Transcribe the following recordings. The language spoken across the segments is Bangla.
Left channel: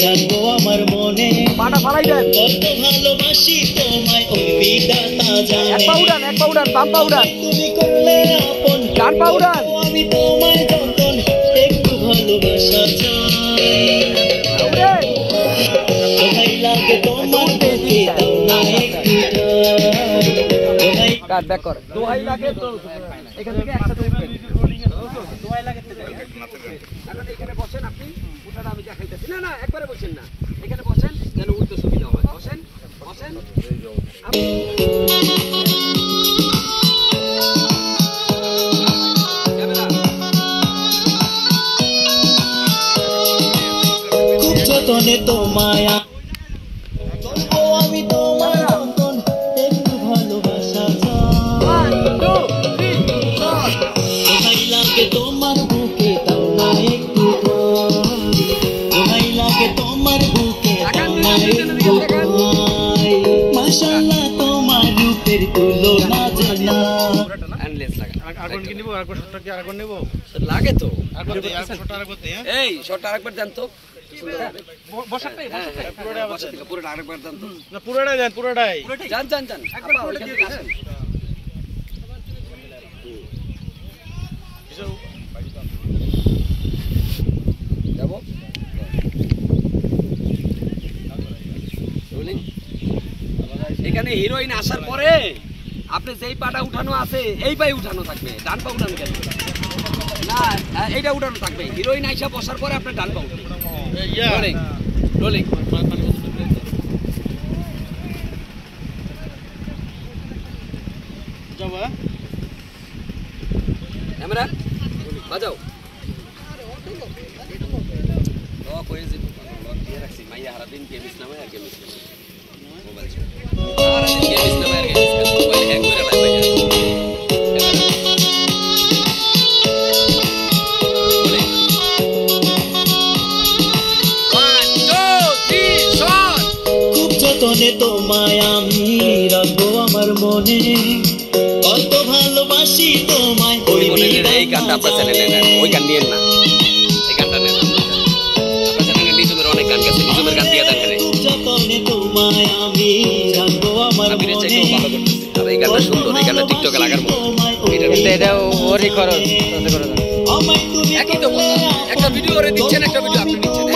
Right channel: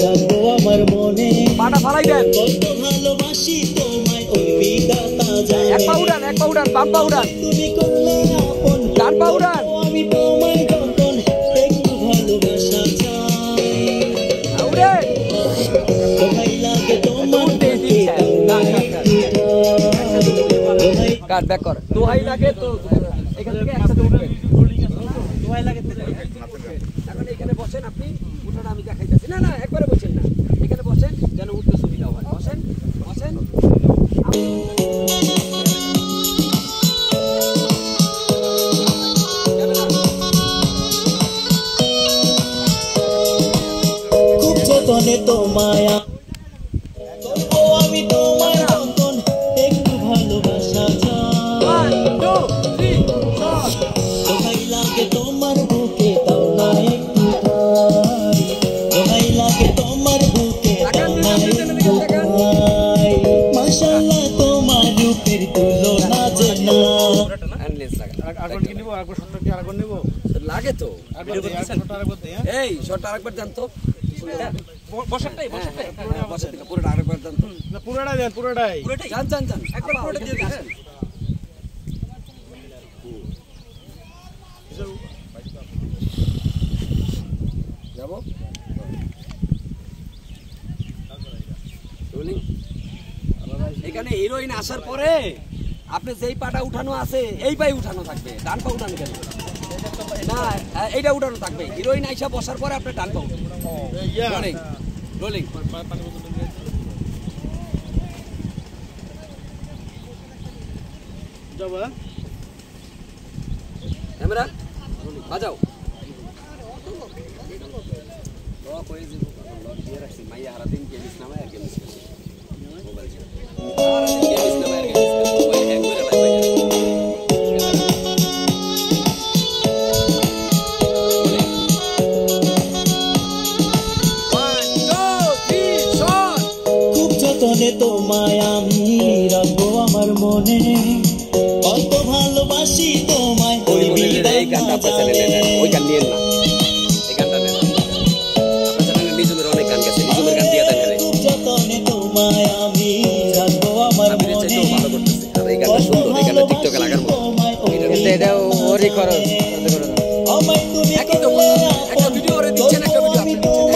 রাখবো আমার মনে পাটা ফালাই দেন কত ভালোবাসি তোমায় ওই বিধাতা জানে এক পাউডার বাম পাউডার তুমি করলে আপন গান পাউডার আমি তোমায় যতন একটু ভালোবাসা চাই দোহাই লাগে তোমার পেতে দাও না কাট ব্যাক কর দোহাই লাগে তো এখান থেকে একসাথে উঠবেন দোহাই লাগে এখন এখানে বসেন আপনি উঠাটা আমি দেখাইতেছি না না একবারে বসেন না এখানে বসেন যেন উঠতে সুবিধা হয় বসেন বসেন খুব যতনে তোমায় করবো আমি তোমার যতন একটু ভালোবাসা চাই দোহাই লাগে তোমার বুকে দাও না একটু দোহাই লাগে তোমার বুকে দাও না একটু মাশাআল্লাহ তোমার রূপের তুলনা জানা এন্ডলেস লাগা আরেকবার কি নিব আরেকবার শটটা কি আরেকবার নিব লাগে তো আরেকবার শটটা আরেকবার দে এই শটটা আরেকবার দেন তো বসাটাই বসাটাই পুরোটা আরেকবার দেন তো না পুরোটাই দেন পুরোটাই জান জান জান একবার পুরোটা দিয়ে দিন যাবো এখানে হিরোইন আসার পরে আপনি যেই পাটা উঠানো আছে এই পায়ে উঠানো থাকবে ডান পা উঠানো কেন না এইটা উঠানো থাকবে হিরোইন আইসা বসার পরে আপনার ডান পা রোলিং রোলিং যাবা ক্যামেরা বাজাও তো কই যে দিয়ে রাখছি মাইয়া হারা দিন গেমিস নামে আর গেমিস মোবাইল আর গেমিস নামে আর গেমিস মোবাইল হ্যাং করে লাই ভাই খুব যতনে তোমায় আমি রাখবো আমার মনে কত ভালোবাসি তোমায় ওই এই গানটা আপনার চ্যানেলে নেন ওই গান নিয়েন না এই গানটা নেন আপনার চ্যানেলে নিজুমের অনেক গান গেছে নিজুমের গান দিয়ে দেন খুব যতনে তোমায় আমি রাখবো আমার মনে ভালো করতেছে আর এই গানটা সুন্দর এই গানটা টিকটকে লাগার মতো এটা ওরই খরচ কত করে দাও একই তো একটা ভিডিও করে দিচ্ছেন একটা ভিডিও আপনি দিচ্ছেন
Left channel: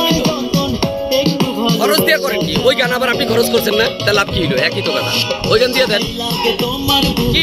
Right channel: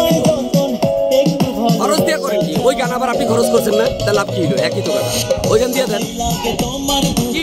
খরচ দিয়ে করেন কি ওই গান আবার আপনি খরচ করছেন না তাহলে লাভ কি হলো একই তো কথা ওই গান দিয়ে দেন কি